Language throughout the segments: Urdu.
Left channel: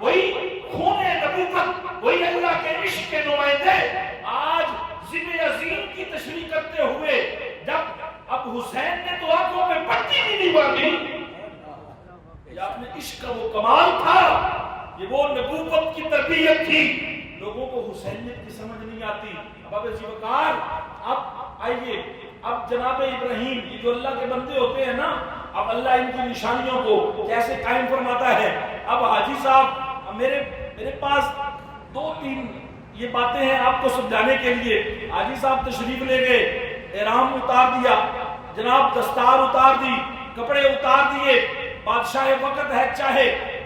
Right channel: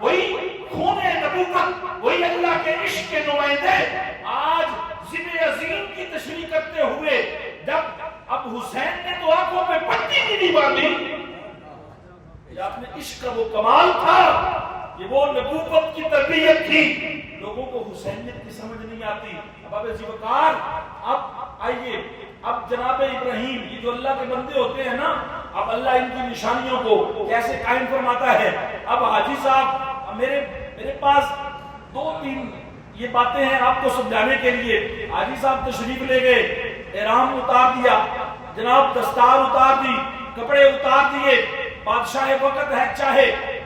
وہی خون نبوت، وہی اللہ کے عشق کے نمائندے آج ذبح عظیم کی تشریح کرتے ہوئے جب اب حسین نے تو آنکھوں پہ پٹی بھی نہیں باندھی، یہ اپنے عشق کا وہ کمال تھا، یہ وہ نبوت کی تربیت تھی، لوگوں کو حسینیت کی سمجھ نہیں آتی۔ اب ذی وقار اب آئیے، اب جناب ابراہیم یہ جو اللہ کے بندے ہوتے ہیں نا، اب اللہ ان کی نشانیوں کو کیسے قائم فرماتا ہے۔ اب حاجی صاحب میرے پاس دو تین یہ باتیں ہیں آپ کو سمجھانے کے لیے۔ حاجی صاحب تشریف لے گئے، احرام اتار دیا، جناب دستار اتار دی، کپڑے اتار دیے، بادشاہ وقت ہے،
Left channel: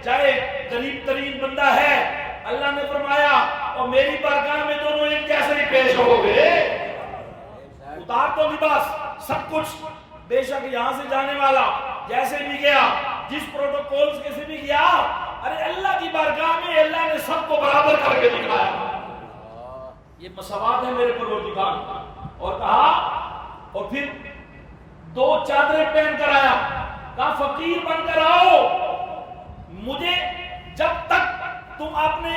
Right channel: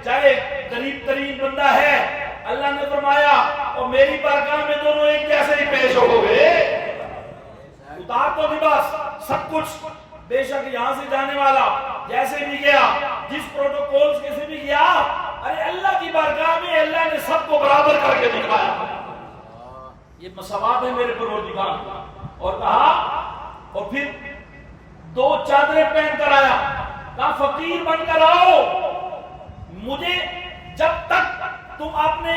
چاہے غریب ترین بندہ ہے، اللہ نے فرمایا اور میری بارگاہ میں دونوں ایک جیسے ہی پیش ہو گئے، اتار تو لباس سب کچھ، بے شک یہاں سے جانے والا جیسے بھی گیا، جس پروٹوکول سے بھی گیا، ارے اللہ کی بارگاہ میں اللہ نے سب کو برابر کر کے دکھایا، یہ مساوات ہے میرے پروردگار۔ اور کہا، اور پھر دو چادریں پہن کر آیا، کہا فقیر بن کر آؤ، مجھے جب تک تم اپنے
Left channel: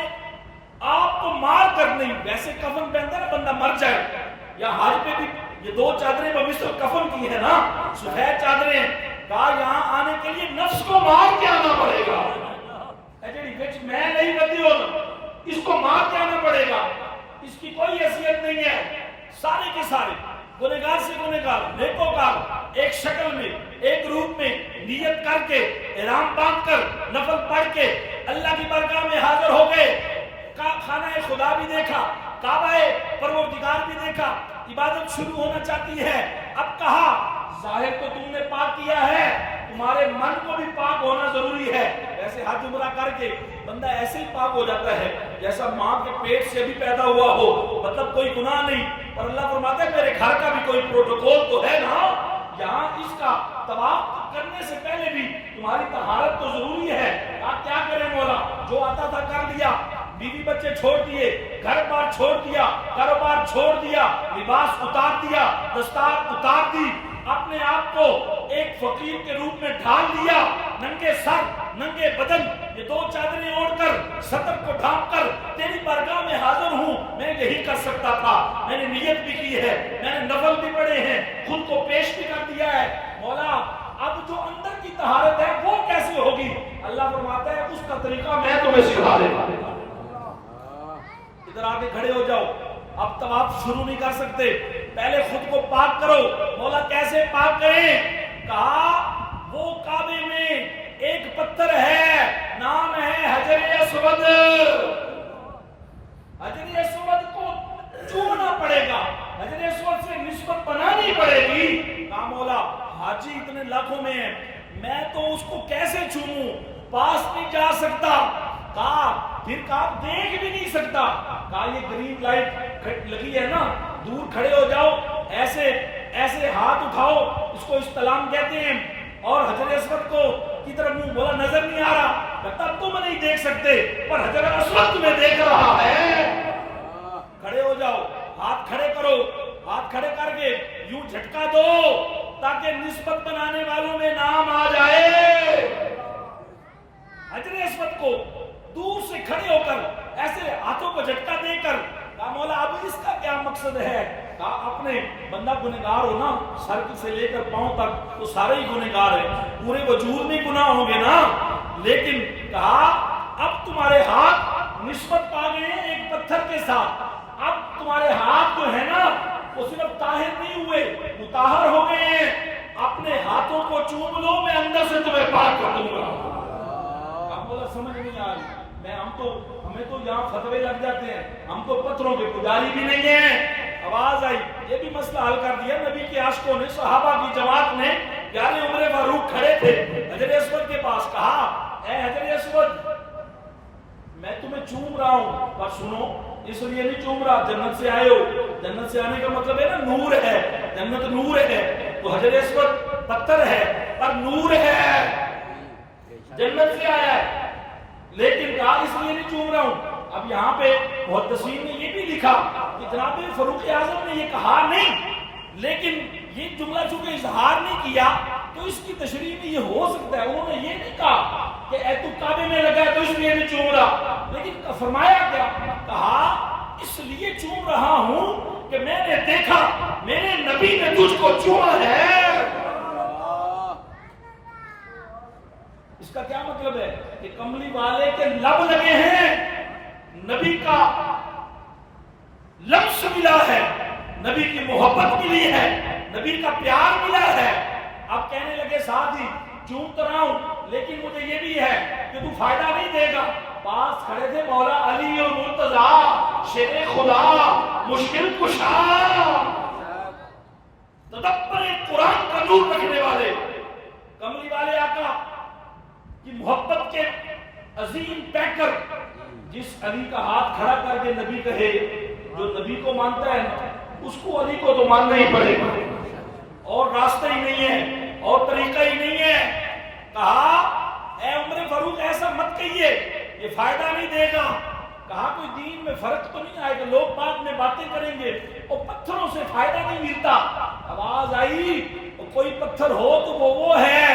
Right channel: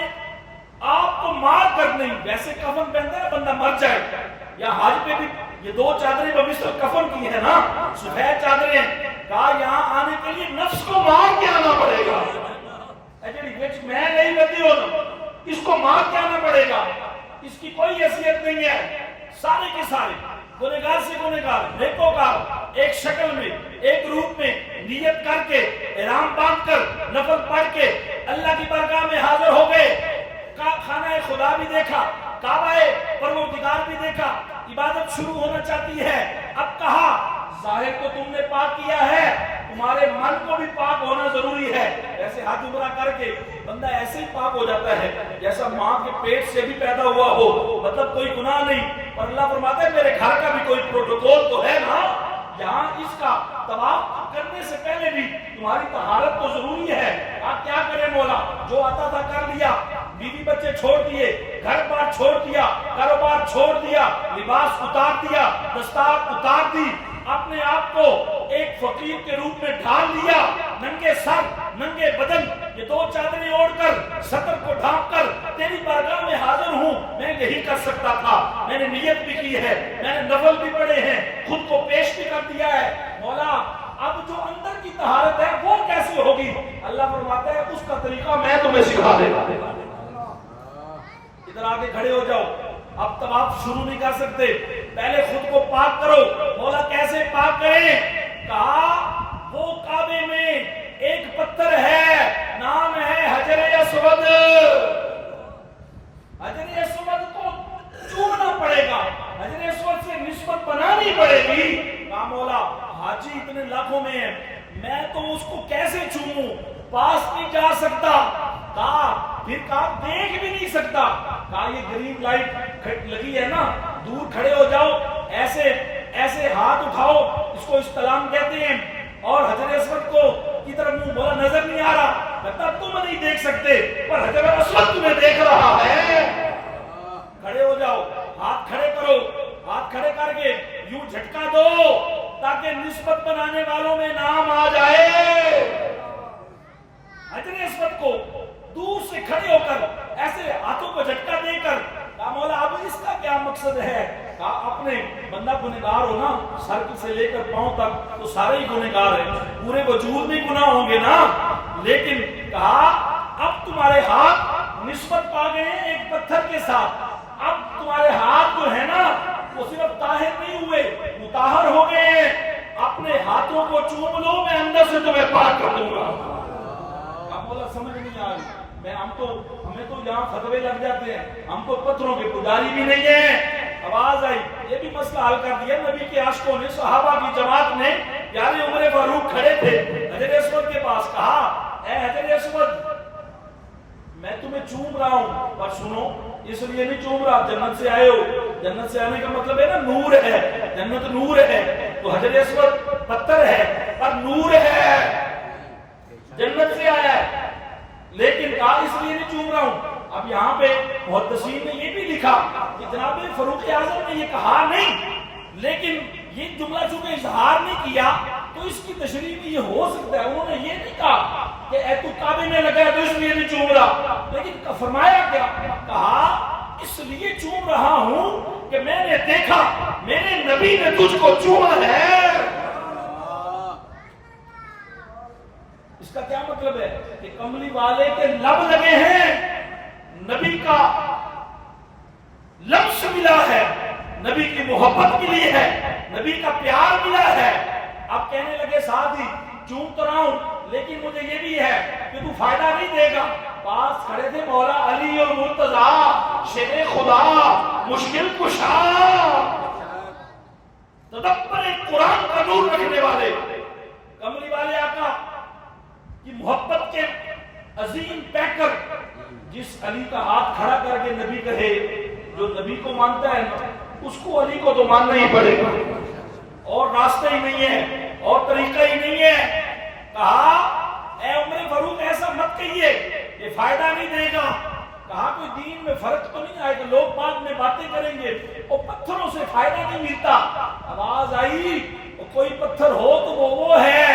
آپ کو مار کر نہیں، ویسے کفن پہنتا ہے بندہ مر جائے، یا حج پہ بھی یہ دو چادریں بمثل کفن کی ہیں نا، سفید چادریں، کہا یہاں آنے کے لیے نفس کو مار کے آنا پڑے گا، میں نہیں بدی ہوتا، اس کو مار کے آنا پڑے گا، اس کی کوئی حیثیت نہیں ہے، سارے کے سارے گنہگار سے گنہگار، نیکوکار، ایک شکل میں ایک روپ میں نیت کر کے احرام باندھ کر نفل پڑھ کے اللہ کی بارگاہ میں حاضر ہو گئے، خانہ خدا بھی دیکھا، کعبہ پروردگار بھی دیکھا، عبادت شروع ہونا چاہتی ہے۔ اب کہا ظاہر کو تم نے پاک کیا ہے، تمہارے من کو بھی پاک ہونا ضروری ہے۔ ایسے حج عمرہ کر کے بندہ ایسے ہی پاک ہو جاتا ہے جیسا ماں کے پیٹ سے بھی پیدا ہوا ہو، مطلب کوئی گناہ نہیں، پر اللہ فرماتا ہے میرے گھر کا بھی کوئی پروٹوکول تو ہے نا، یہاں اس کا طواف کرنے سے پہلے بھی تمہاری طہارت تو ضروری ہے۔ آپ کیا کریں مولا، جو آتا تھا کر لیا، بیوی بچے چھوڑ دیے، گھر بار چھوڑ دیا، کاروبار چھوڑ دیا، لباس اتار دیا، دستار اتار دی، اپنے آپ کو ایک فقیر کے روپ میں ڈھال لیا، ننگے سر ننگے بدن، یہ دو چادریں اوڑھ کر سطر کو ڈھانپ کر تیری بارگاہ میں حاضر ہوں، میں یہی کر سکتا تھا، میں نے نیت بھی کی ہے، میں نے نفل بھی پڑھے ہیں، خود کو پیش بھی کر دیا ہے، مولا اب جو اندر کی طہارت ہے وہ کیسے ہوگی؟ اللہ فرماتا ہے اس کا طریقہ میں تمہیں سکھا دے گا۔ ادھر آگے کھڑے ہو جاؤ، اب طواف شروع نہیں کر سکتے، پہلے خود کو پاک کرو۔ مولا کیسے پاک کریں؟ کہا وہ کعبے میں ایک پتھر ہے، نام ہے حجر اسود، حجر اسود کو چومنا پڑے گا، حجر اسود سے نسبت بنانی پڑے گی۔ کہا مولا حاجی اتنے لاکھوں میں ہیں، میں تو اس کو کیسے چوموں، پاس نہیں جا سکتا۔ پھر کہا دیکھ بھی نہیں سکتا۔ کہا یہ گرین لائٹ لگی ہے نا، دور کھڑے ہو جاؤ، ایسے ہاتھ اٹھاؤ، اس کو استلام کہتے ہیں، اور حجر اسود کو کی طرف منہ، بولا نظر نہیں آ رہا، کہتا تم نہیں دیکھ سکتے پر حجر اسود تمہیں دیکھ رہا ہے۔ کھڑے ہو جاؤ، ہاتھ کھڑے کرو، ہاتھ کھڑے کر کے یوں جھٹکا دو تاکہ نسبت بنانے والوں میں نام آ جائے۔ حجر اسود کو دور سے کھڑے ہو کر ایسے ہاتھوں کو جھٹکا دے کر کہا مولا اب اس کا کیا مقصد ہے؟ کہا اپنے بندہ گنہگار ہو نا، سر سے لے کر پاؤں تک تو سارے ہی گنہگار ہیں، پورے وجود میں گناہ ہوں گے نا، لیکن کہا اب تمہارے ہاتھ نسبت پا گئے ہیں ایک پتھر کے ساتھ، اب تمہارے ہاتھ جو ہے نا وہ صرف طاہر نہیں ہوئے، مطہر ہو گئے ہیں، اپنے ہاتھوں کو چوم لو، میں اندر سے تمہیں پاک کر دوں گا۔ مولا سمجھ نہیں آ رہی، ہمیں تو یہاں فتوے لگ جاتے ہیں، ہم تو پتھروں کے پجاری بھی نہیں ہیں۔ آواز آئی، یہ بھی مسئلہ حل کر دیا نبی کے عاشقوں نے، صحابہ کی جماعت نے، پیارے عمر فاروق کھڑے تھے حجر اسود کے پاس، کہا اے حجر اسود میں تمہیں چوم رہا ہوں، پر سنو اس لیے نہیں چوم رہا، جنت سے آئے ہو، جنت سے آنے کا مطلب ہے نا نور ہے، جنت نور ہے، تو حجر اسود پتھر ہے پر نور ہے، جنت سے آیا ہے، لیکن کہا اس لیے نہیں چوم رہا ہوں۔ اب یہاں پہ محدثین نے یہ بھی لکھا کہ جناب فاروق اعظم نے یہ کہا نہیں، لیکن یہ جملہ چونکہ اظہار نہیں کیا تو اس کی تشریح میں یہ ہو سکتا ہے، انہوں نے یہ نہیں کہا کہ اے تو کعبے میں لگا ہے تو اس لیے نہیں چوم رہا، لیکن فرمایا کیا؟ کہا اس لیے چوم رہا ہوں کہ میں نے دیکھا میرے نبی نے تجھ کو چوما ہے۔ اس کا کیا مطلب ہے؟ کہ کملی والے کے لب لگے ہیں، نبی کا لمس ملا ہے، نبی کی محبت ملی ہے، نبی کا پیار ملا ہے۔ اب کہنے لگے ساتھ ہی چوم تو رہا ہوں لیکن مجھے یہ بھی ہے کہ تو فائدہ نہیں دے گا۔ پاس کھڑے تھے مولا علی اور مرتضیٰ، شیر خدا، مشکل کشا، تدبر قرآن کا نور رکھنے والے، کملی والے آقا کی محبت کے عظیم پیکر، جس علی کا ہاتھ کھڑا کر کے نبی کہے جو نبی کو مانتا ہے اس کو علی کو تو ماننا ہی پڑے گا، اور راستہ ہی نہیں ہے اور طریقہ ہی نہیں ہے۔ کہا اے عمر فاروق ایسا مت کہیے، یہ فائدہ نہیں دے گا۔ کہا کوئی دین میں فرق تو نہیں آئے گا، لوگ بعد میں باتیں کریں گے اور پتھروں سے فائدہ نہیں ملتا۔ آواز آئی کوئی پتھر ہو تو وہ ہے،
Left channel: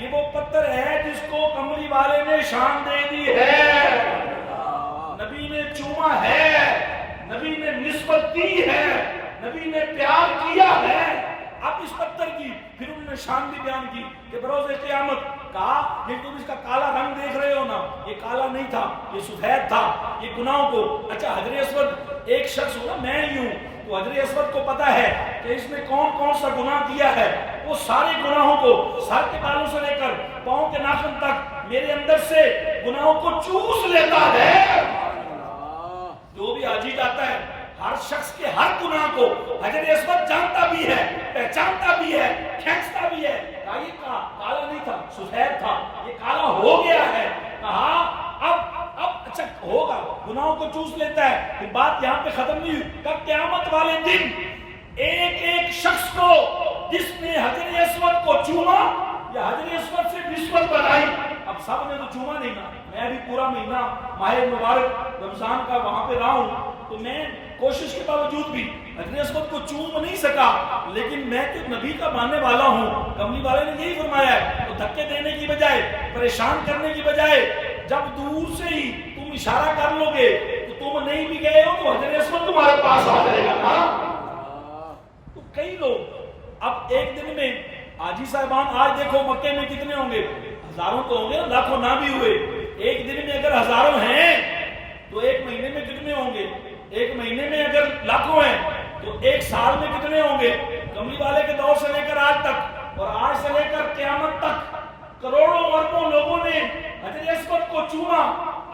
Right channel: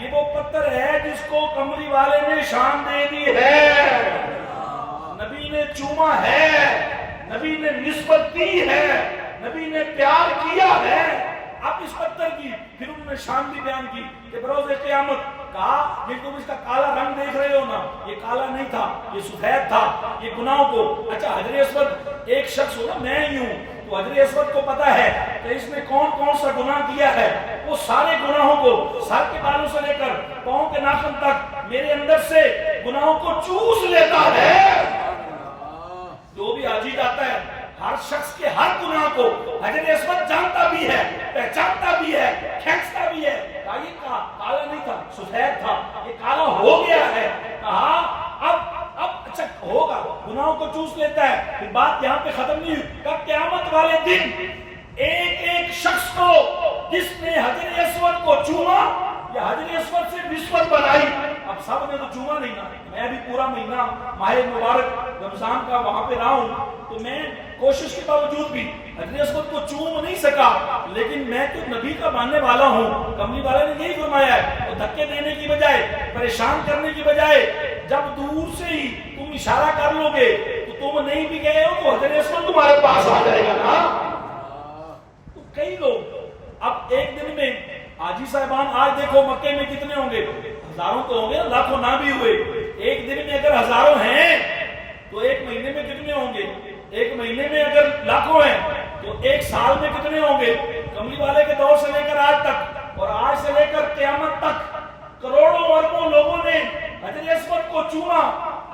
یہ وہ پتھر ہے جس کو کملی والے نے شان دے دی ہے، نبی نے چوما ہے، نبی نے نسبت دی ہے، نبی نے پیار کیا ہے۔ اب اس پتھر کی پھر انہوں نے شان بھی بیان کی کہ بروز قیامت کہا یہ تم اس کا کالا رنگ دیکھ رہے ہو نا، یہ کالا نہیں تھا، یہ سفید تھا، یہ گناہوں کو، اچھا حجر اسود ایک شخص ہو نا، میں ہی ہوں، تو حجر اسود کو پتا ہے کہ اس نے کون کون سا گناہ کیا ہے، وہ سارے گناہوں کو سر کے بالوں سے لے کر پاؤں کے ناخن تک میرے اندر سے گناہوں کو چوس لیتا ہے۔ جو بھی حاجی جاتا ہے ہر شخص کے ہر گناہ کو حجر اسود جانتا بھی ہے، پہچانتا بھی ہے، کھینچتا بھی ہے۔ کہا یہ کالا نہیں تھا، سفید تھا، یہ کالا ہو گیا ہے۔ کہا اب اچھا ہوگا، گناہوں کو چوس لیتا ہے۔ پھر بات یہاں پہ ختم نہیں ہوئی، کہ قیامت والے دن ایک ایک شخص کو جس نے حجر اسود کو چوما یا حجر اسود سے نسبت بنائی، اب سب نے تو چوما نہیں نا، میں بھی پورا مہینہ ماہ مبارک رمضان کا وہاں پہ رہا ہوں، تو میں کوشش کے باوجود بھی حجر اسود کو چوم نہیں سکا، لیکن میں تو نبی کا ماننے والا ہوں۔ کملی والے نے یہی فرمایا ہے، تو دھکے دینے کی بجائے، پریشان کرنے کی بجائے، جب دور سے ہی تم اشارہ کر لو گے تو تم نہیں بھی گئے ہو تو حجر اسود تمہارے پاس آ جائے گا نا۔ تو کئی لوگ اب ایک دن میں حاجی صاحبان آج دیکھو مکے میں کتنے ہوں گے، ہزاروں تو ہوں گے، لاکھوں نہ بھی ہوئے، ایک دن میں اگر ہزاروں ہیں تو ایک مہینے میں کتنے ہوں گے، ایک مہینے میں اگر لاکھوں ہیں تو ایک سال میں کتنے ہوں گے۔ کملی والے کے دور سے لے کر آج تک اور آج سے لے کر قیامت تک کروڑوں اربوں لوگوں نے حجر اسود کو چوما،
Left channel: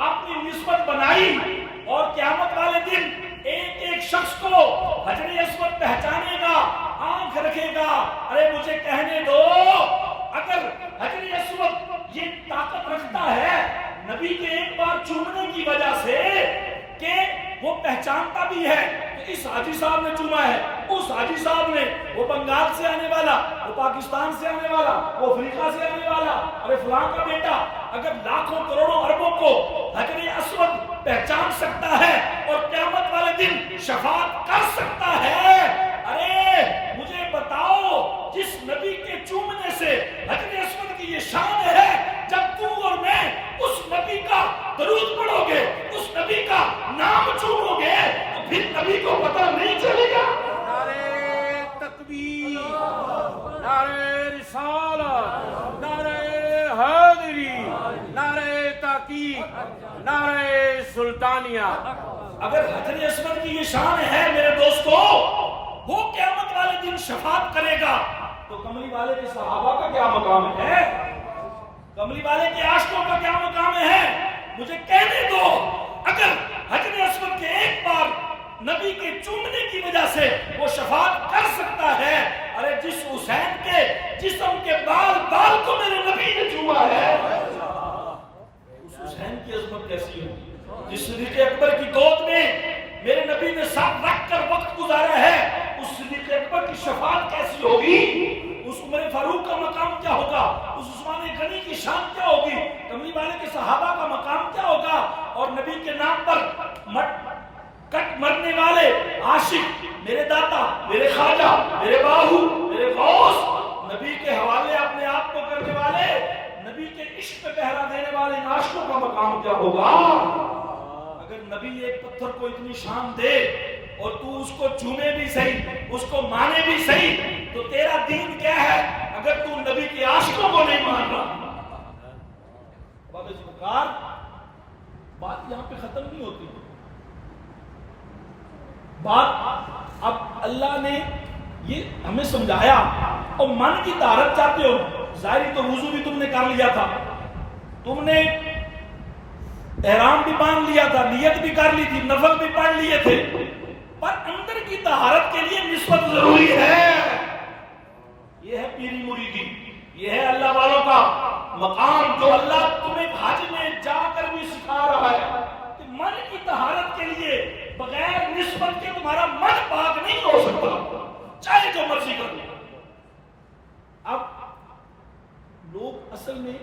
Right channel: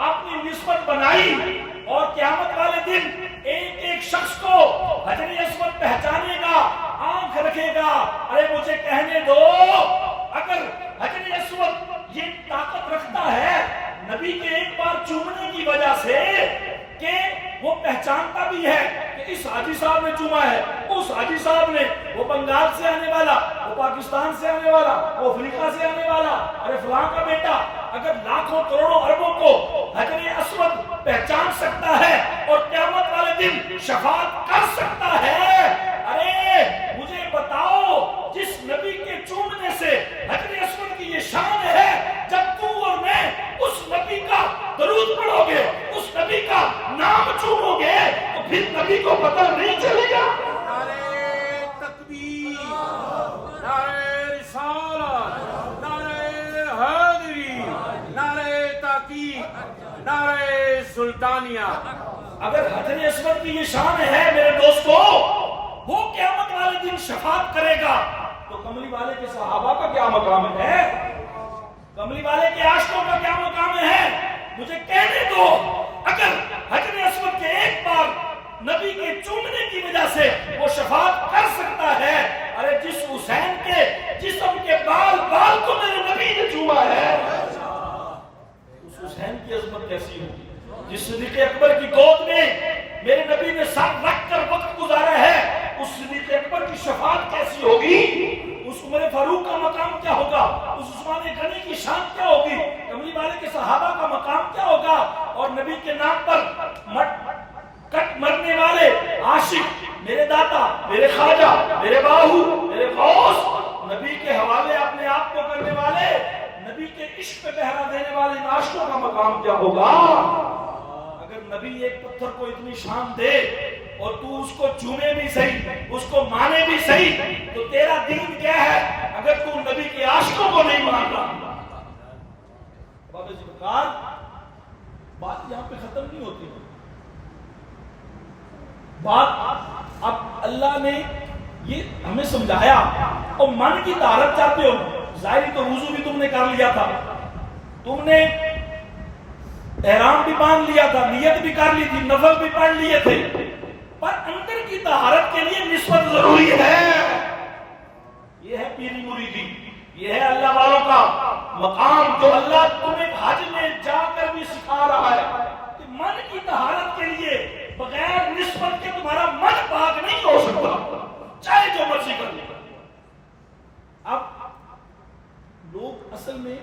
اپنی نسبت بنائی، اور قیامت والے دن ایک ایک شخص کو حجر اسود پہچانے گا، آنکھ رکھے گا۔ ارے مجھے کہنے دو، اگر حجر اسود یہ طاقت رکھتا ہے نبی کے ایک بار چومنے کی وجہ سے کہ وہ پہچانتا بھی ہے کہ اس حاجی صاحب نے چوما ہے، اس حاجی صاحب نے، وہ بنگال سے آنے والا، وہ پاکستان سے آنے والا، وہ افریقہ سے آنے والا، ارے فلاں کا بیٹا، اگر لاکھوں کروڑوں اربوں کو حجر اسود پہچان سکتا ہے اور قیامت والے دن شفاعت کر سکتا ہے، ارے مجھے بتاؤ جس نبی کے چومنے سے حجر اسود کی یہ شان ہے، جب تو اور میں اس نبی کا درود پڑھو گے، اس نبی کا نام چومو گے، تو پھر نبی کو پتہ نہیں چلے گا۔ نعرہ تکبیر، نعرہ رسالت، نعرہ حیدری، نعرہ تحقیق، نعرہ سلطانیہ۔ اگر حجر اسود کی یہ شان ہے میرے دوستو، وہ قیامت والے دن شفاعت کرے گا، تو کملی والے کے صحابہ کا کیا مقام ہے، کملی والے کے عاشقوں کا کیا مقام ہے۔ مجھے کہنے دو، اگر حجر اسود کے ایک بار نبی کے چومنے کی وجہ سے وہ شفاعت کر سکتا ہے، ارے جس حسین کے جسم کے بال بال کو میرے نبی نے چوما ہے، اس حسین کی عظمت کیسی ہوگی؟ جس صدیق اکبر کی گود میں میرے نبی نے ساتھ رکھ کر وقت گزارا ہے، اس صدیق اکبر کی شفاعت کیسی ہوگی؟ اس عمر فاروق کا مقام کیا ہوگا؟ اس عثمان غنی کی شان کیا ہوگی؟ کملی والے کے صحابہ کا مقام کیا ہوگا؟ اور نبی کے نام پر کٹ مرنے والے عاشق، میرے داتا، میرے خواجہ، میرے باہو، میرے غوث، نبی کے حوالے اپنے آپ کو کرنے والے، نبی کے عشق پہ پہرا دینے والے ان عاشقوں کا مقام کیا ہوگا؟ اگر نبی ایک پتھر کو اتنی شان دے اور تو اس کو چومے بھی صحیح، اس کو مانے بھی صحیح، تو تیرا دین کیا ہے اگر تو نبی کے عاشقوں کو نہیں مان رہا؟ بابا جی بکار بات یہاں پہ ختم نہیں ہوتی. بات اب اللہ نے یہ ہمیں سمجھایا. اور من کی طہارت چاہتے ہو، ظاہری تو وضو بھی تم نے کر لیا تھا، تم نے احرام بھی باندھ لیا تھا، نیت بھی کر لی تھی، نفل بھی پڑھ لیے تھے، پر اندر کی طہارت کے لیے نسبت ضروری ہے. یہ ہے پیری مریدی، یہ ہے اللہ والوں کا مقام جو اللہ تمہیں حج میں جا کر بھی سکھا رہا ہے کہ من کی طہارت کے لیے بغیر نسبت کے تمہارا من پاک نہیں ہو سکتا، چاہے جو مرضی کر لو. اب لوگ اصل میں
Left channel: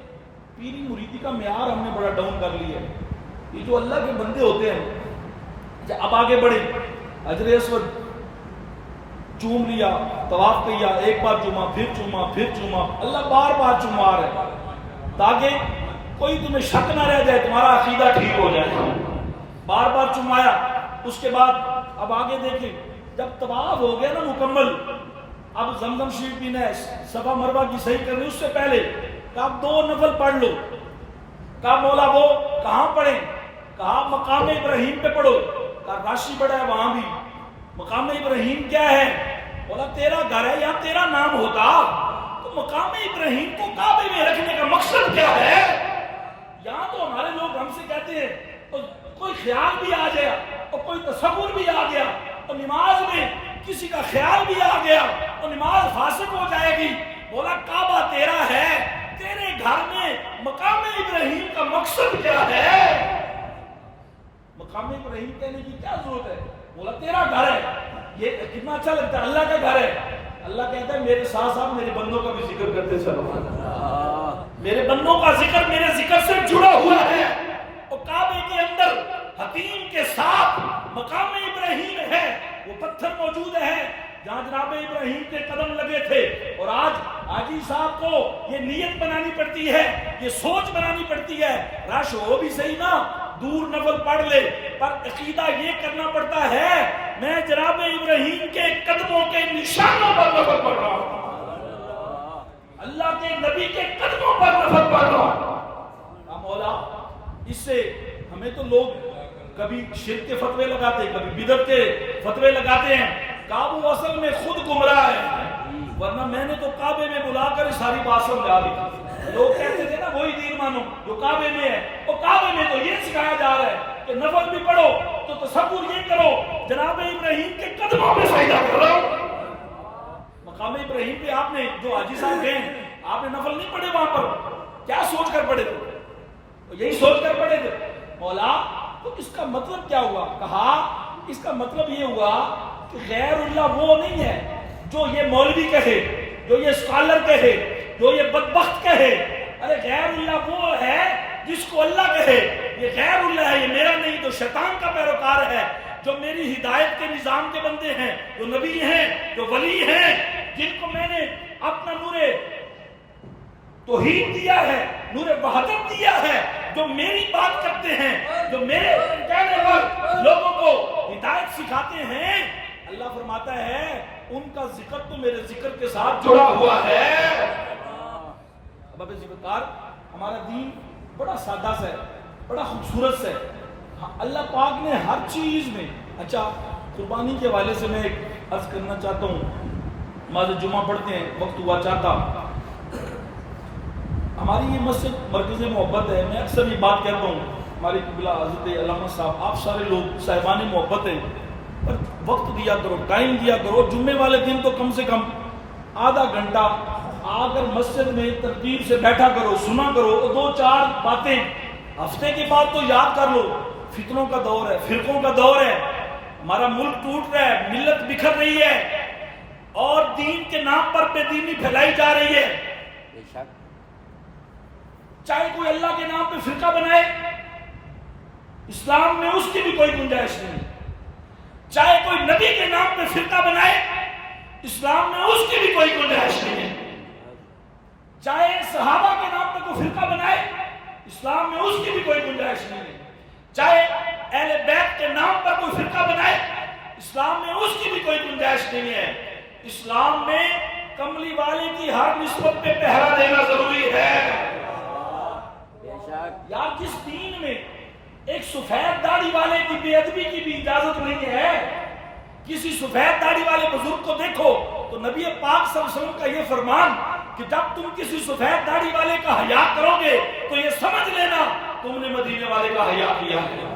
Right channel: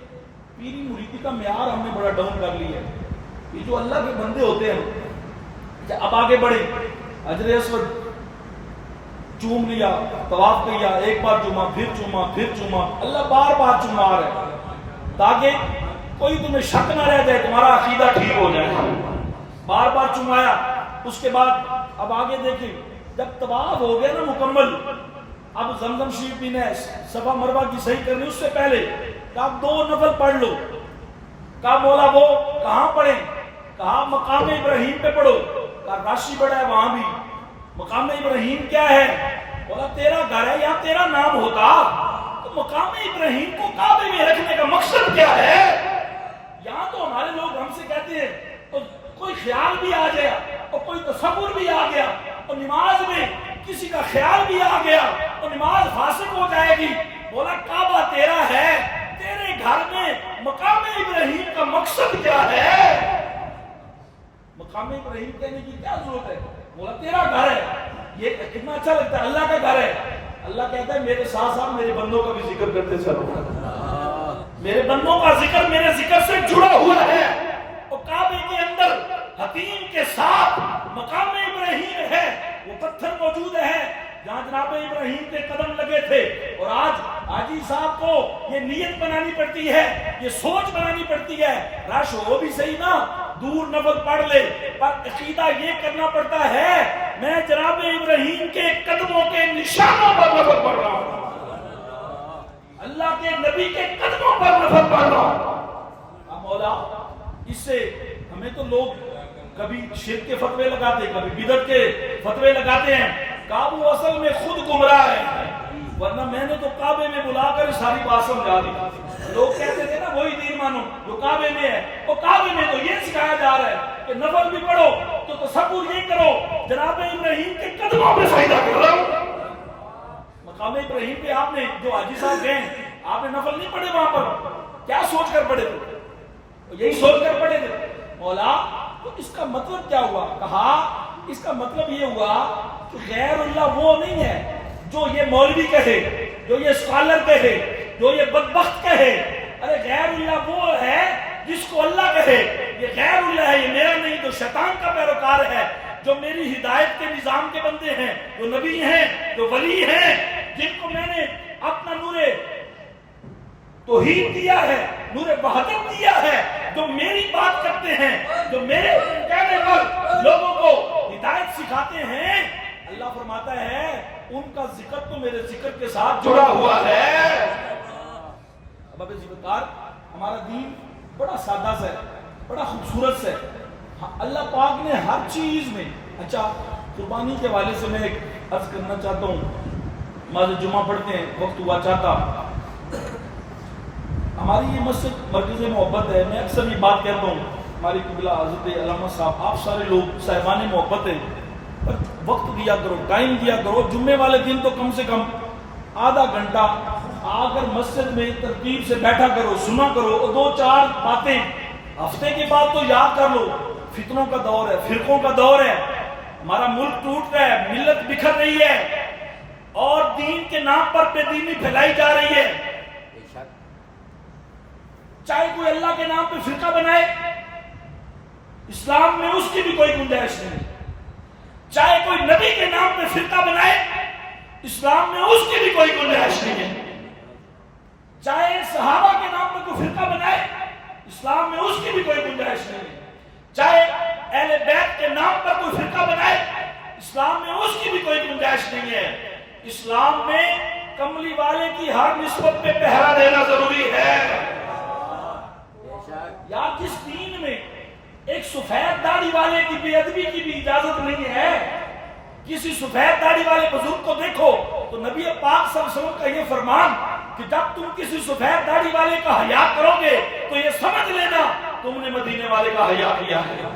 پیری مریدی کا معیار ہم نے بڑا ڈاؤن کر لیا ہے. یہ جو اللہ کے بندے ہوتے ہیں اب آگے بڑھے، حجر اسود چوم لیا، طواف کیا، ایک بار چوما، پھر چوما، پھر چوما، اللہ بار بار چوما رہا ہے تاکہ کوئی تمہیں شک نہ رہ جائے، تمہارا عقیدہ ٹھیک ہو جائے. بار بار چمایا. اس کے بعد اب آگے دیکھیں، جب طواف ہو گیا نا مکمل، اب زمزم شریف پینا ہے، صفا مروہ کی صحیح کرنی. اس سے پہلے کہ آپ 2 نفل پڑھ لو. کہا مولا وہ کہاں پڑھیں؟ کہا مقام ابراہیم پہ پڑھو. کہا راشی بڑا ہے وہاں بھی. مقام ابراہیم کیا ہے؟ بولا تیرا گھر ہے، یہاں تیرا نام ہوتا تو مقام ابراہیم کو کعبے میں رکھنے کا مقصد کیا ہے؟ یہاں تو ہمارے لوگ ہم سے کہتے ہیں اور کوئی خیال بھی آ گیا اور کوئی تصور بھی آ گیا اور نماز میں کسی کا خیال بھی آ گیا اور نماز فاسق ہو جائے گی. بولا کعبہ تیرا ہے، تیرے گھر میں مقام ابراہیم کا مقصد کیا ہے؟ مقام ابراہیم کہنے کی کیا ضرورت ہے؟ بولا تیرا گھر ہے. یہ کتنا اچھا لگتا ہے، اللہ کا گھر ہے. اللہ کہتا ہے میرے ساتھ ساتھ میرے بندوں کا بھی ذکر کرتے چلو. میرے بندوں کا ذکر میرے ذکر سے جڑا ہوا ہے. اور کعبے کے اندر حتیم کے ساتھ مقام ابراہیم ہے، وہ پتھر موجود ہے جہاں جناب ابراہیم کے قدم لگے تھے. اور آج حاجی صاحب کو یہ نیت بنانی پڑتی ہے، یہ سوچ بنانی پڑتی ہے. رش ہو بھی صحیح نا، دور نفل پڑھ لے، پر عقیدہ یہ کرنا پڑتا ہے میں جناب ابراہیم کے قدموں کے نشانوں پر نفل پڑھ رہا ہوں، اللہ کے نبی کے قدموں پر نفل پڑھ رہا ہوں. مولا اس سے ہمیں تو لوگ کبھی شرک کے فتوے لگاتے ہیں، کبھی بدعت کے فتوے لگاتے ہیں. کعبہ اصل میں خود گمراہ ہے، ورنہ میں نے تو کعبے میں بلا کر ساری بات سمجھا دی. لوگ کہتے تھے نا وہی دین مانو جو کعبے میں ہے، اور کعبے میں تو یہ سکھایا جا رہا ہے کہ نفل بھی پڑھو تو تصور یہ کرو جناب ابراہیم کے قدموں پہ سجدہ کرو. مقام ابراہیم پہ آپ نے جو حاجی صاحب گئے آپ نے نفل نہیں پڑھے وہاں پر، کیا سوچ کر پڑھے تھے؟ یہی سوچ کر پڑھے تھے مولا تو اس کا مطلب کیا ہوا؟ کہا اس کا مطلب یہ ہوا کہ غیر اللہ وہ نہیں ہے جو یہ مولوی کہے، جو یہ اسکالر کہے، جو یہ بدبخت کہے. ارے غیر اللہ وہ ہے جس کو اللہ کہے. یہ غیر اللہ ہے، یہ میرا نہیں، تو شیطان کا پیروکار ہے، جو میری ہدایت کے نظام کے بندے ہیں، جو نبی ہیں، جو ولی ہیں، جن کو میں نے اپنا نور توحید دیا ہے، نور وحدت دیا ہے، جو میری بات کرتے ہیں، جو میرے کہنے پر لوگوں کو ہدایت سکھاتے ہیں. اللہ فرماتا ہے ان کا ذکر تو میرے ذکر کے ساتھ جڑا ہوا ہے. اب ذکر ہمارا دین بڑا سادہ سا ہے، بڑا خوبصورت سا ہے. اللہ پاک نے ہر چیز میں اچھا. قربانی کے حوالے سے میں ایک عرض کرنا چاہتا ہوں. نماز جمعہ پڑھتے ہیں، وقت ہوا چاہتا. ہماری یہ مسجد مرکز محبت ہے. میں اکثر یہ بات کہتا ہوں، ہمارے قبلہ حضرت علامہ صاحب، آپ سارے لوگ صاحبان محبت ہیں، پر وقت دیا کرو، ٹائم دیا کرو. جمعے والے دن تو کم سے کم آدھا گھنٹہ آ کر مسجد میں ترتیب سے بیٹھا کرو، سنا کرو، اور 2-4 باتیں ہفتے کے بعد تو یاد کر لو. فتنوں کا دور ہے، فرقوں کا دور ہے، ہمارا ملک ٹوٹ رہا ہے، ملت بکھر رہی ہے، اور دین کے نام پر بے دینی پھیلائی جا رہی ہے. چاہے کوئی اللہ کے نام پہ فرقہ بنائے، اسلام میں اس کی بھی کوئی گنجائش نہیں. چاہے کوئی نبی کے نام پہ فرقہ بنائے، اسلام میں اس کی بھی کوئی گنجائش نہیں ہے. چاہے صحابہ کے نام پہ کو فرقہ بنائے، اسلام میں اس کی بھی کوئی گنجائش نہیں ہے۔ چاہے اہل بیت کے نام پر کوئی فرقہ بنائے، اسلام میں اس کی بھی کوئی گنجائش نہیں ہے۔ اسلام میں کملی والے کی ہر نسبت پہ پہرا دینا ضروری ہے۔ یار جس دین میں ایک سفید داڑھی والے کی بے ادبی کی بھی اجازت نہیں ہے، کسی سفید داڑھی والے بزرگ کو دیکھو تو نبی پاک صلی اللہ علیہ وسلم کا یہ فرمان کہ جب تم کسی سفید داڑھی والے کا حیا کرو گے تو یہ سمجھ لینا تم نے مدینے والے کا حیا کیا ہے۔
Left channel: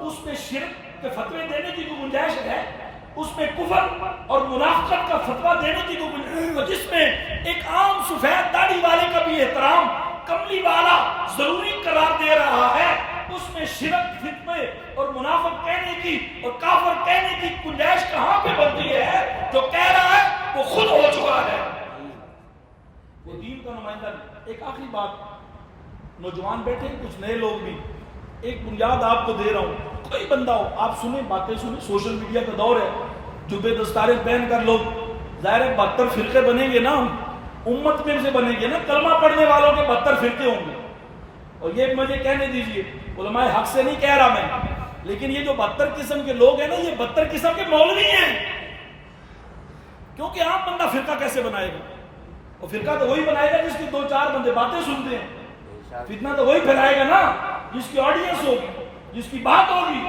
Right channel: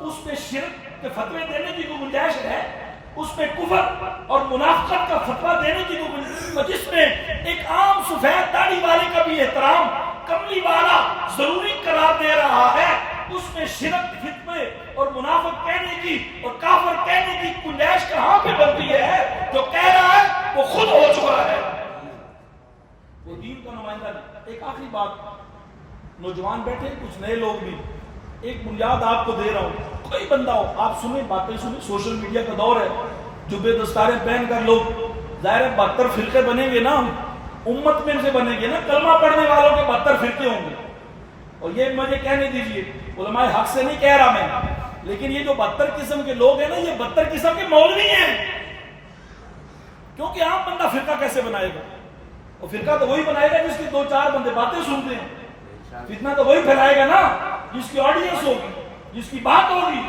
اس میں شرک کے فتوے دینے کی کوئی گنجائش ہے؟ اس میں کفر اور منافقت کا فتویٰ دینے کی کوئی گنجائش ہے؟ جس میں ایک عام سفید داڑھی والے کا بھی احترام کملی والا ضروری قرار دے رہا ہے، اس میں شرک، فتوے اور منافق کہنے کی اور کافر کہنے کی گنجائش کہاں پہ بنتی ہے؟ جو کہہ رہا ہے وہ خود ہو چکا ہے، وہ دین کا نمائندہ نہیں۔ ایک آخری بات، نوجوان بیٹھے ہیں، کچھ نئے لوگ بھی، ایک بنیاد آپ کو دے رہا ہوں، کوئی بندہ ہو آپ سنیں، باتیں سنیں، سوشل میڈیا کا دور ہے، جبے دستاریں پہن کر لوگ ظاہر ہے 72 فرقے بنیں گے نا، امت میں سے بنیں گے نا، کلمہ پڑھنے والوں کے 72 فرقے ہوں گے۔ اور یہ مجھے کہنے دیجئے، علماء حق سے نہیں کہہ رہا میں، لیکن یہ جو 72 قسم کے لوگ ہیں نا، یہ 72 قسم کے مولوی ہیں، کیونکہ عام بندہ فرقہ کیسے بنائے گا؟ اور فرقہ تو وہی بنائے گا جس کی 2-4 بندے باتیں سنتے ہیں، فتنہ تو وہی پھیلائے گا نا جس کی آڈینس ہوگی، جس کی بات ہوگی۔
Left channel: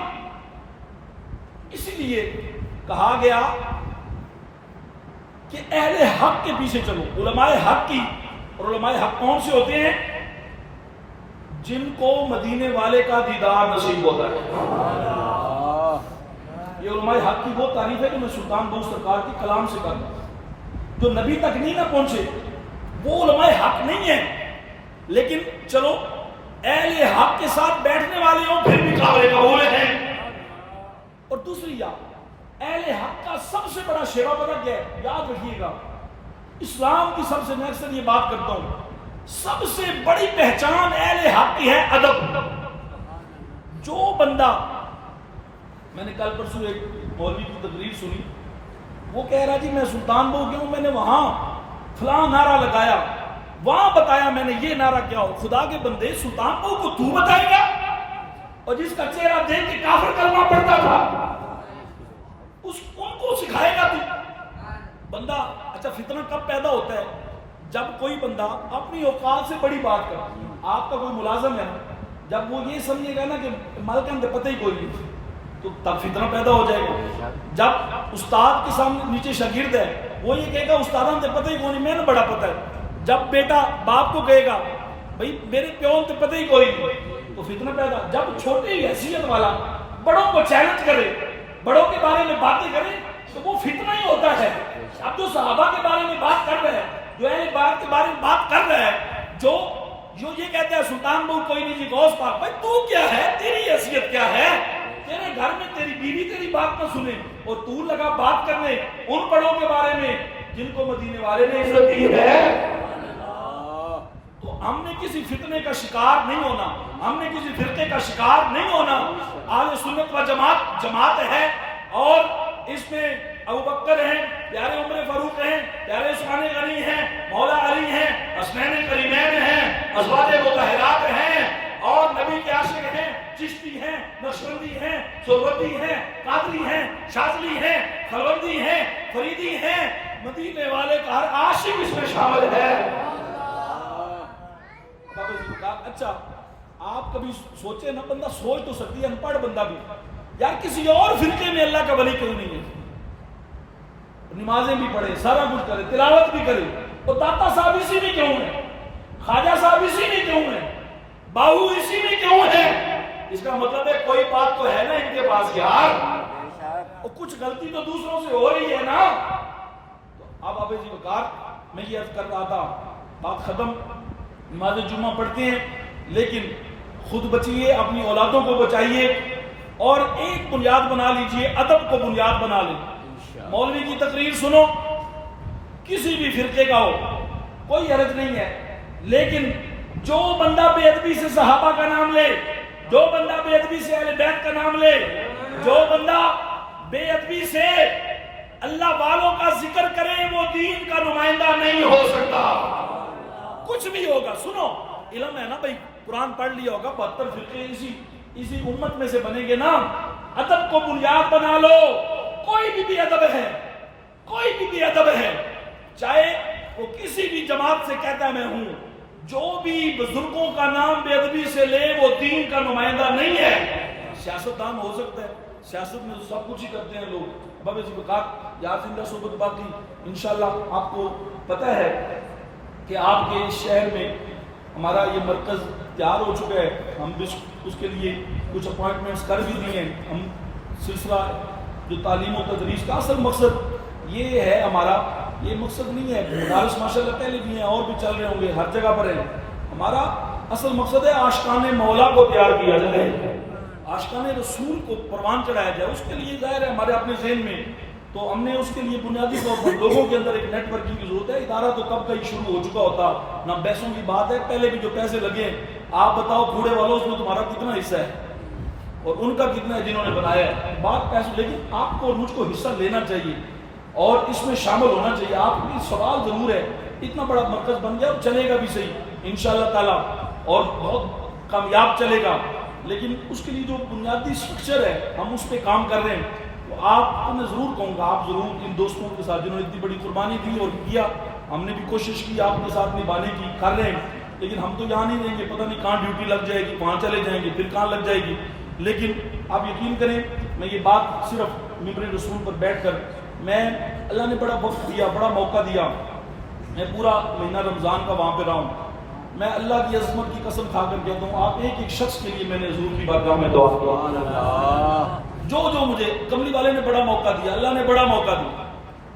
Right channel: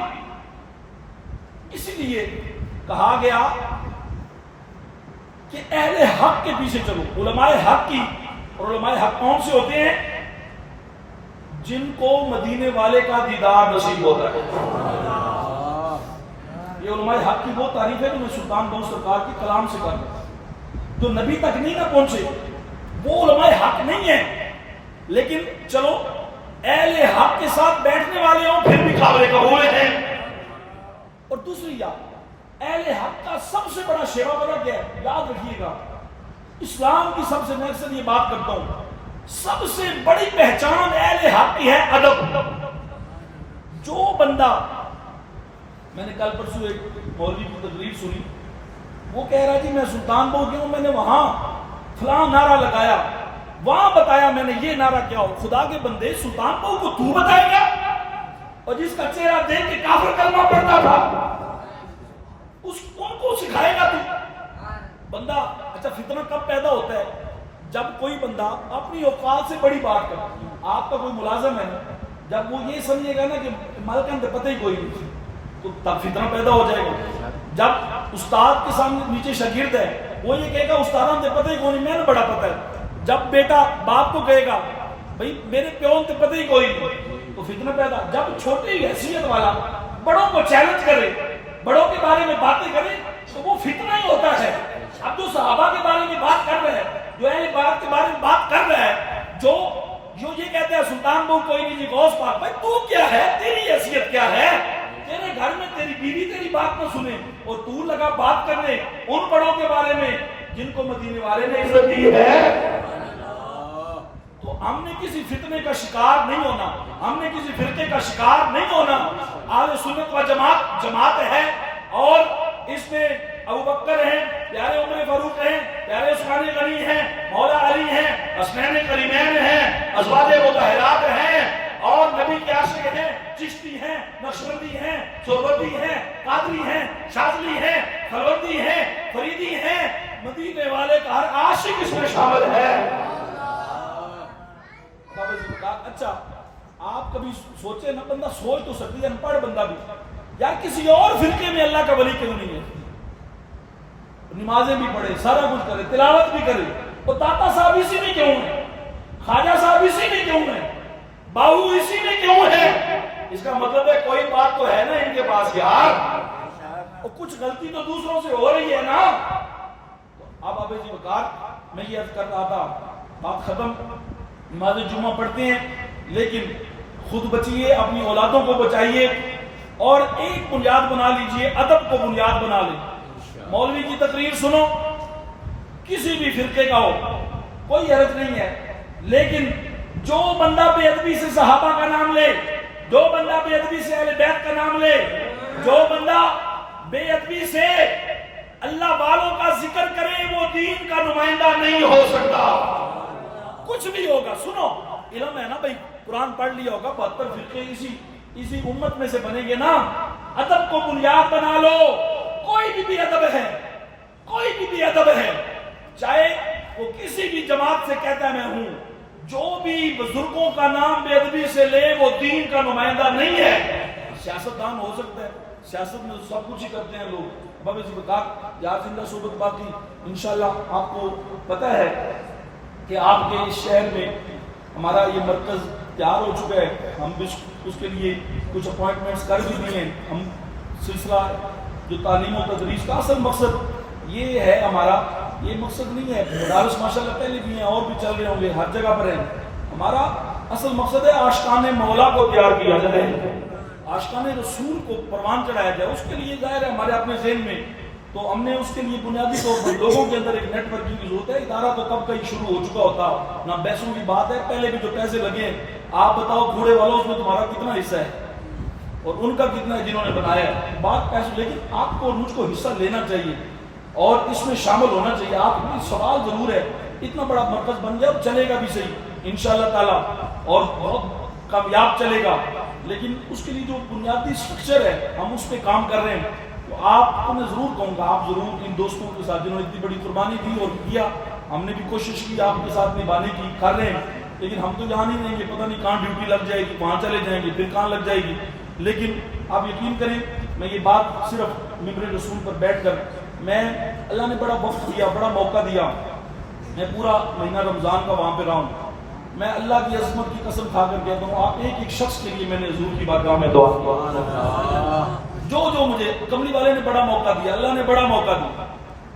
اسی لیے کہا گیا کہ اہل حق کے پیچھے چلو، علماء حق کی، اور علماء حق کون سے ہوتے ہیں؟ جن کو مدینے والے کا دیدار نصیب ہوتا ہے۔ یہ علماء حق کی وہ تعریف ہے جو میں سلطان بہو سرکار کے کلام سے کر رہا ہوں، جو نبی تک نہیں نہ پہنچے وہ علماء حق نہیں ہے، لیکن چلو اہل حق کے ساتھ بیٹھنے والے ہوں پھر بھی قابل قبول ہیں۔ اور دوسری یاد، اہل حق کا سب سے بڑا شیوا پتہ کیا ہے؟ یاد رکھیے گا، اسلام کی سب سے، میں اکثر یہ بات کرتا ہوں، سب سے بڑی پہچان اہل حق کی ہے ادب۔ جو بندہ، میں نے کل پرسوں ایک مولوی کی تقریر سنی، وہ کہہ رہا جی میں سلطان بہو گیا ہوں، میں نے وہاں فلاں نعرہ لگایا، وہاں بتایا میں نے یہ نعرہ کیا ہو۔ خدا کے بندے، سلطان بہو کو تو بتائے گا؟ اور جس کا چہرہ دیکھ کے کافر کلمہ پڑھتا تھا ان کو سکھائے گا تو؟ بندہ، اچھا فتنہ کب پیدا ہوتا ہے؟ جب کوئی بندہ اپنی اوقات سے بڑی بات کرتا ہے۔ آپ کا کوئی ملازم ہے نا، جب وہ یہ سمجھے گا نا کہ مالکان تے پتہ ہی کوئی نہیں، تو تب فتنہ پیدا ہو جائے گا۔ جب استاد کے سامنے نیچے شاگرد ہے، وہ یہ کہے گا استادان تے پتہ ہی کوئی نہیں، میں نے بڑا پتہ ہے۔ جب بیٹا باپ کو کہے گا بھئی میرے پیون تے پتہ ہی کوئی نہیں، تو فتنہ پیدا۔ جب چھوٹی حیثیت والا بڑوں کو چیلنج کرے، بڑوں کے بارے میں باتیں کرے، تو وہ فتنہ ہی ہوتا ہے۔ اب جو صحابہ کے بارے میں بات کر رہا ہے، جو اہل بیت کے بارے میں بات کر رہا ہے، جو یہ کہتے ہیں سلطان بہو کوئی نہیں جی غوث پاک، بھائی تو کیا ہے؟ تیری حیثیت کیا ہے؟ تیرے گھر میں تیری بیوی تیری بات نہ سنے اور تو لگا بات کرنے ان بڑوں کے بارے میں جن کو مدینے والے نے عزت دی ہے۔ تو ہم نے کسی فتنے کا شکار نہیں ہونا، ہم نے کسی فرقے کا شکار نہیں ہونا۔ اہل سنت و جماعت ہے، اور اس میں ابو بکر ہیں، پیارے عمر فاروق ہیں، پیارے عثمان غنی ہیں، مولا علی ہیں، حسنین کریمین ہیں، ازواج مطہرات ہیں، اور نبی کے عاشق ہیں، چشتی ہیں، نقشبندی ہیں، سہروردی ہیں، قادری ہیں، شاذلی ہیں، خلوندی ہیں، فریدی ہیں۔ مدینے والے کا ہر عاشق اس میں شامل ہے۔ اچھا آپ کبھی سوچے نا، بندہ سوچ تو سکتی ہے، ان پڑھ بندہ بھی، یار کسی اور فرقے میں اللہ کا ولی کیوں نہیں ہے؟ نمازیں بھی پڑھے، سارا کچھ کرے، تلاوت بھی کرے، اور داتا صاحب اسی میں کیوں ہے؟ خواجہ صاحب اسی میں کیوں ہے؟ باہو اسی میں کیوں ہے؟ اس کا مطلب ہے کوئی بات تو ہے نا ان کے پاس یار، اور کچھ غلطی تو دوسروں سے ہو رہی ہے نا۔ اب ابے جی وقار، میں یہ عرض کر رہا تھا، بات ختم، نماز جمعہ پڑھتے ہیں لیکن خود بچیے، اپنی اولادوں کو بچائیے، اور ایک بنیاد بنا لیجئے، ادب کو بنیاد بنا لیں۔ مولوی کی تقریر سنو، کسی بھی فرقے کا ہو، کوئی حرج نہیں ہے، لیکن جو بندہ بے ادبی سے صحابہ کا نام لے، جو بندہ بے ادبی سے اہل بیت کا نام لے، جو بندہ بے ادبی سے اللہ والوں کا ذکر کرے، وہ دین کا نمائندہ نہیں ہو سکتا۔ کچھ بھی ہوگا. سنو علم ہے نا بھائی, قرآن پڑھ لیا ہوگا, 72 فرقے اسی امت میں سے بنیں گے نا. ادب کو بنیاد بنا لو. کوئی بھی ادب ہے, کوئی بھی ادب ہے, چاہے وہ کسی بھی جماعت سے کہتا ہے میں ہوں, جو بھی بزرگوں کا نام بے ادبی سے لے وہ دین کا نمائندہ نہیں ہے. سیاستدان ہو سکتا ہے, سیاست میں سب کچھ ہی کرتے ہیں لوگ. بابا جی بکات یار زندہ صحبت باقی. انشاءاللہ آپ کو پتہ ہے کہ آپ کے شہر میں ہمارا یہ مرکز تیار ہو چکا ہے. ہم بھی اس کے لیے کچھ اپوائنٹمنٹس کر بھی دیے ہیں. ہم سلسلہ جو تعلیم و تدریس کا اصل مقصد یہ ہے ہمارا, یہ مقصد نہیں ہے, مدارس ماشاءاللہ پہلے بھی ہیں اور بھی چل رہے ہوں گے, ہر جگہ پر ہیں. ہمارا اصل مقصد ہے عاشقان مولا کو تیار کیا جائے, عاشقان رسول کو پروان چڑھایا جائے. اس کے لیے ظاہر ہے ہمارے اپنے ذہن میں, تو ہم نے اس کے لیے بنیادی طور پر لوگوں کے اندر ایک نیٹ ورکنگ کی ضرورت ہے. ادارہ تو کب کا ہی شروع ہو چکا ہوتا, نہ پیسوں کی بات ہے. پہلے بھی جو پیسے لگے ہیں, آپ بتاؤ کوڑے والوں اس میں تمہارا کتنا حصہ ہے اور ان کا کتنا ہے جنہوں نے بنایا ہے. بات پیسوں, لیکن آپ کو مجھ کو حصہ لینا چاہیے اور اس میں شامل ہونا چاہیے. آپ بھی سوال ضرور ہے, اتنا بڑا مرکز بن گیا اور چلے گا بھی صحیح انشاءاللہ تعالی, اور بہت کامیاب چلے گا. لیکن اس کے لیے جو بنیادی سٹرکچر ہے ہم اس پہ کام کر رہے ہیں. تو آپ کو میں ضرور کہوں گا, آپ ضرور ان دوستوں کے ساتھ جنہوں نے اتنی بڑی قربانی دی اور کیا, ہم نے بھی کوشش کی آپ کے ساتھ نبھانے کی, کر رہے ہیں. لیکن ہم تو یہاں نہیں رہیں گے, پتہ نہیں کہاں ڈیوٹی لگ جائے گی, وہاں چلے جائیں گے, پھر کہاں لگ جائے گی. لیکن آپ یقین کریں, میں یہ بات صرف ممبر رسول پر بیٹھ کر, میں اللہ نے بڑا وقت دیا, بڑا موقع دیا, میں پورا مہینہ رمضان کا وہاں پہ رہا ہوں. میں اللہ کی عظمت کی قسم کھا کر کہتا ہوں, آپ ایک ایک شخص کے لیے میں نے حضور کی بارگاہ میں دعا کی. جو مجھے کملی والے نے بڑا موقع دیا, اللہ نے بڑا موقع دیا,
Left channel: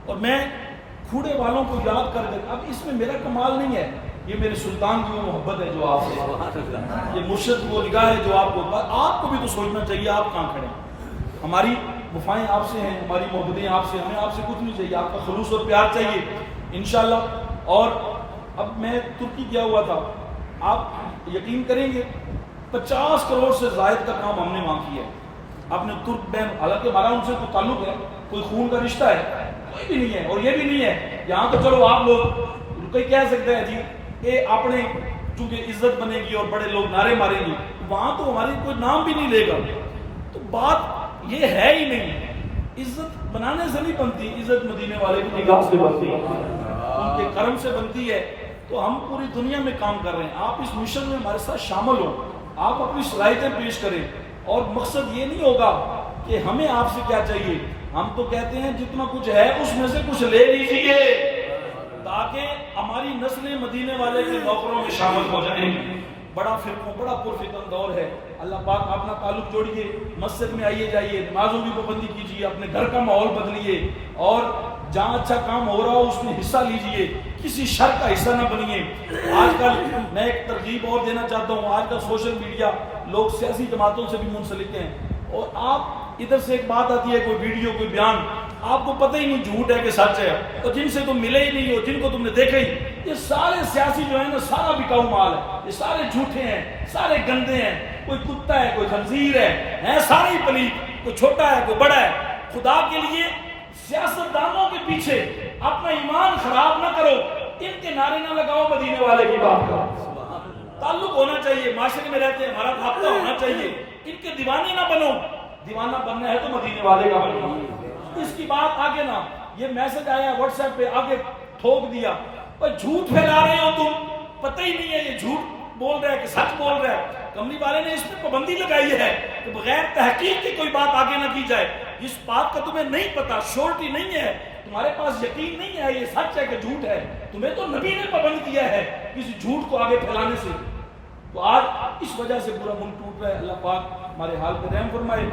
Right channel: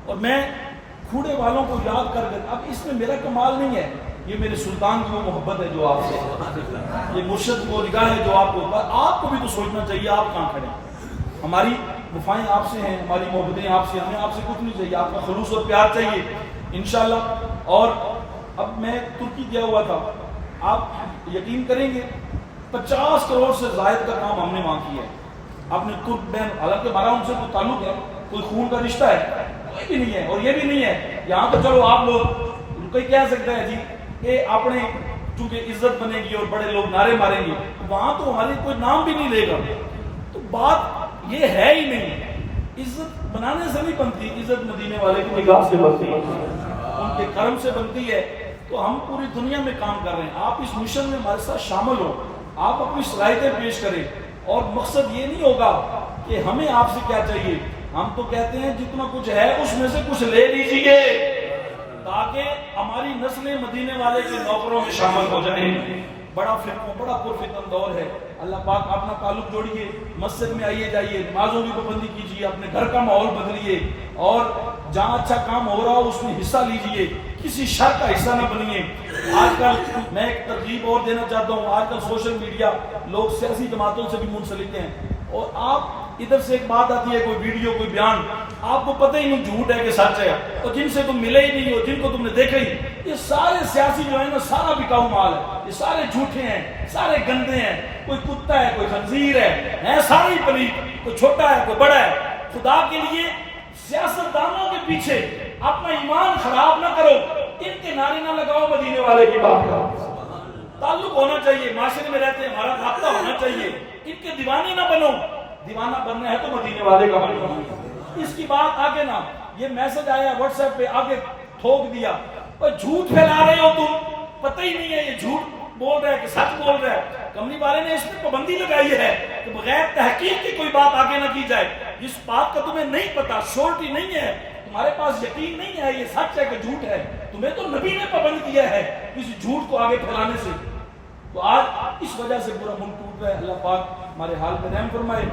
اور میں کھوڑے والوں کو یاد کر کر, اب اس میں میرا کمال نہیں ہے, یہ میرے سلطان کی وہ محبت ہے جو آپ سے, یہ مرشد کی وہ نگاہ ہے جو آپ کو بھی تو سوچنا چاہیے آپ کہاں کھڑے ہیں. ہماری وفائیں آپ سے ہیں, ہماری محبتیں آپ سے, ہمیں آپ سے کچھ نہیں چاہیے, آپ کا خلوص اور پیار چاہیے انشاءاللہ. اور اب میں ترکی گیا ہوا تھا, آپ یقین کریں گے 50 کروڑ سے زائد کا کام ہم نے وہاں کیا ہے. آپ نے ترک بہن, حالانکہ ہمارا ان سے تو تعلق ہے, کوئی خون کا رشتہ ہے کوئی بھی نہیں ہے, اور یہ بھی نہیں ہے یہاں تو چلو آپ لوگ کوئی کہہ سکتا ہے جی کہ اپنے چونکہ عزت بنے گی اور بڑے لوگ نعرے ماریں گے, وہاں تو ہماری کوئی نام بھی نہیں لے گا. تو بات یہ ہے ہی نہیں, عزت بنانے سے نہیں بنتی, عزت مدینے والے کی نگاہ سے بنتی ہے, ان کے کرم سے بنتی ہے. تو ہم پوری دنیا میں کام کر رہے ہیں, آپ اس مشن میں ہمارے ساتھ شامل ہوں, آپ اپنی صلاحیتیں پیش کریں, اور مقصد یہ نہیں ہوگا کہ ہمیں آپ سے کیا چاہیے. ہم تو کہتے ہیں جتنا کچھ ہے اس میں سے کچھ لے لیجیے تاکہ ہماری نسلیں مدینے والے کے نوکروں میں شامل ہو جائیں. بڑا فرقوں, بڑا پرفتن دور ہے. اللہ پاک اپنا تعلق جوڑیے, مسجد میں آئیے جائیے, نمازوں کی پابندی کیجیے, اپنے گھر کا ماحول بدلیے, اور جہاں اچھا کام ہو رہا ہو اس میں حصہ لیجیے, کسی شر کا حصہ نہ بنیے. آج کل میں ایک ترغیب اور دینا چاہتا ہوں, آج کل سوشل میڈیا لوگ سیاسی جماعتوں سے بھی منسلک ہیں, اور آپ ادھر سے ایک بات آتی ہے, کوئی ویڈیو, کوئی بیان, آپ کو پتہ ہی نہیں جھوٹ ہے کہ سچ ہے, اور جن سے تم ملے ہی نہیں ہو, جن کو تم نے دیکھا ہی, یہ سارے سیاسی جو ہیں نا سارا بکاؤ مال ہے, یہ سارے جھوٹے ہیں, سارے گندے ہیں, کوئی کتا ہے, کوئی خنزیر ہے, سارے ہی پلیت, کوئی چھوٹا ہے, کوئی بڑا ہے. خدا کے لیے سیاستدانوں کے پیچھے اپنا ایمان خراب نہ کرو, ان کے نعرے نہ لگاؤ, مدینے والے کی بات کا تعلق ہونا چاہیے, معاشرے میں رہتے ہیں, ہمارا رابطہ ہونا چاہیے, ان کے دیوانے نہ بنو. دیوانہ بننا ہے تو مدینے والے کا بنو. اس کی بات آگے نہ, یہ میسج آیا واٹس ایپ پہ, آگے ٹھوک دیا, اور جھوٹ پھیلا رہے ہو تم, پتہ ہی نہیں ہے یہ جھوٹ بول رہا ہے کہ سچ بول رہا ہے. کملی والے نے اس میں پابندی لگائی ہے کہ بغیر تحقیق کی کوئی بات آگے نہ کی جائے. جس بات کا تمہیں نہیں پتا, شورٹی نہیں ہے, تمہارے پاس یقین نہیں ہے یہ سچ ہے کہ جھوٹ ہے, تمہیں تو نبی نے پابند کیا ہے کسی جھوٹ کو آگے پھیلانے سے. تو آج اس وجہ سے پورا ملک ٹوٹ رہا ہے. اللہ پاک ہمارے حال پہ رحم فرمائے.